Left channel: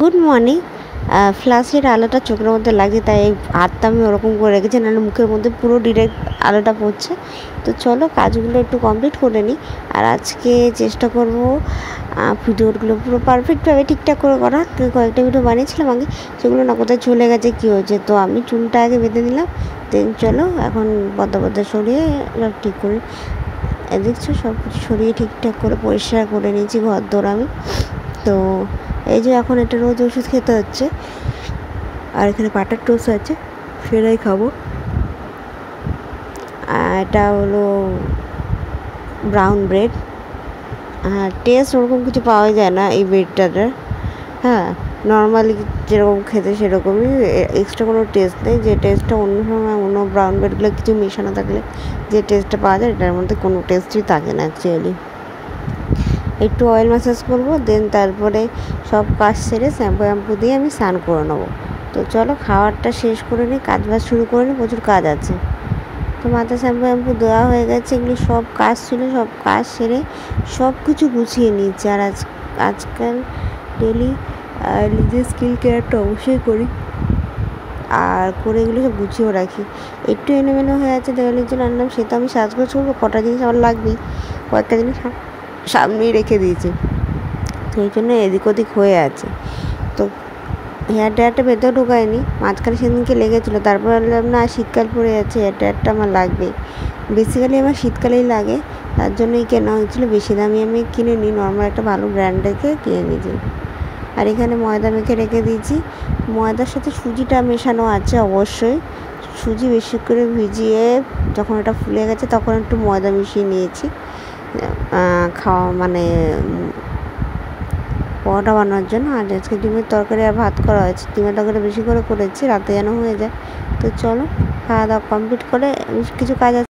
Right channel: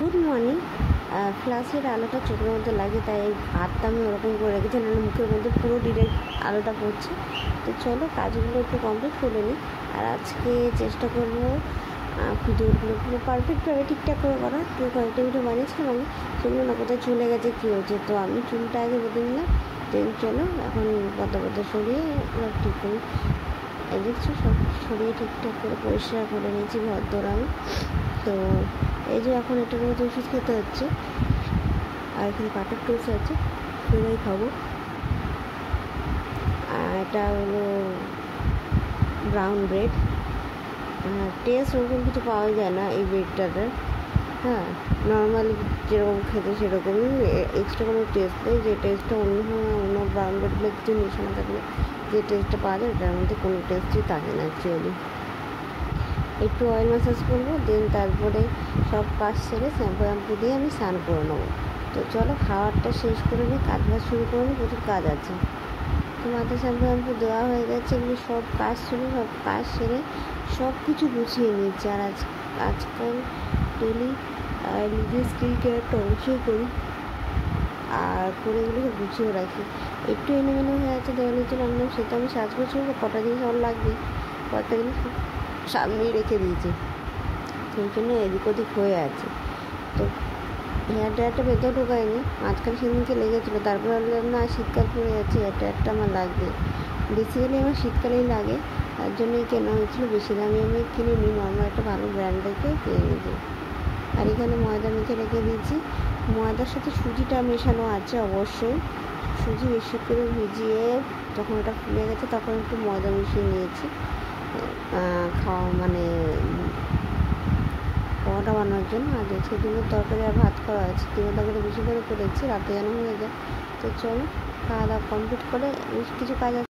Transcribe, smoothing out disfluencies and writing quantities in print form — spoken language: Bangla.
Good morning. ফ্ল্যাশের আলোটা চোখের মধ্যে লাগছে, তাই হাতটা আমি ওরকম করে রেখেছি, নাহলে মুখের মধ্যে পুরো ডিরেক্ট আলোটা পড়ছে। তো চলো কাজগুলো একটু কমপ্লিট করে নিই। আর আজকে চেষ্টা করব ভিডিওগুলো পুরো পারফেক্টভাবে ঠিকঠাক করে করা। তো কয়েকটা ভিডিও বানিয়েছিলাম আগে, সেগুলো না কোথায় চলে গেছে, কী হয়েছে। তো আমি চুলটা আগে বেঁধে নিলাম, দেন চলো এখন পদ্মা সরিয়ে সব ঠিক করি। দেখছো সব সরিয়ে ঠিকঠাক করে পরিষ্কার করে নিয়েছি ঘর দৌড় আমি। তো এই যে এখন এটা রোজ ওষুধ খেতে হচ্ছে, আর এখানে বাটার টোস্ট আছে, সেটাই খাবো। এটা হলো ব্রাউন ব্রেড। টেস্ট ওরকম কিছু পাওয়া যায় না এই ব্রেডটাতে। হ্যাঁ, নর্মালি যেরকম খেতে সেরকমই, এক্সট্রা কোনো টেস্ট নেই। যে টেস্টটা অন্য সময় অন্য ব্রাউন ব্রেডগুলো কিছু মেশানো থাকলে যে টেস্টটা পাওয়া যায়, এটার মধ্যে কোনো টেস্টই থাকে না অ্যাকচুয়ালি। একটু অয়েল ম্যাসাজ করবো, দেন তারপরে সব কাজ সেরে শ্যাম্পু দিয়ে আমি স্নান করে নেবো। তো চলো খাবারটা শেষ করে নিই, কাজ বাজ শুরু করে নিই, প্রচুর কাজ আছে। তো মাথা শ্যাম্পু দেওয়া হয়ে গেছে, এগুলি সব কাজ ছিল, সব কাজ সেরে সব কিছু গুছিয়ে নিয়েছি। আর আজকাল ডেলি নিজের স্কিল কেয়ারটা অবশ্যই করি, আর করে এগুলো সব গুছিয়েও রাখি। একটু এলোমেলো হয়ে আছে, দেওয়ালির জন্য আনলাম, সেটা আমি সাজগোজ করবো, কটা জিনিস আমার লাগবেই, কয়েকটা জিনিস সামনেই রেখে দিয়েছি, তো এই জন্য এদিক ওদিক হয়ে আছে। তো হেয়ার ড্রায়ারটা ভেতরে ঢোকায়নি, মাঝখানে সেদিনকে লেগেছিলো, তারপর বললাম না শীতকাল পড়ে যাচ্ছে, হেয়ার ড্রায়ারটা আমার লাগবে। বেসিক্যালি আমার শীতকালেই লাগে, তার জন্যই কেনা হয়েছিলো। বেশি দামি আমি কিনে নিই, নর্মাল একটা ভালো ব্র্যান্ড দেখে কিনে নিয়েছি। আর এখানে ময়দা মেখে রেখে দিয়েছি, ময়দার সাথে সুজিটা মেশানো আছে অবশ্যই। সুজি বেশি করে ভিজিয়ে যখন এটা ফুলে গেছে তখন একটু ময়দা মিশিয়ে নিয়েছি, খাওয়া মানে পরোটা বানানোর জন্য। আর আজকে ডিমের তরকারি আর ভাত করা হয়েছে, ডিমের তরকারি বেশি করে করেছি, রাতে যেন হয়ে যায়। তো চলো খাওয়া দাওয়া কমপ্লিট করে কিছু কাজ আছে।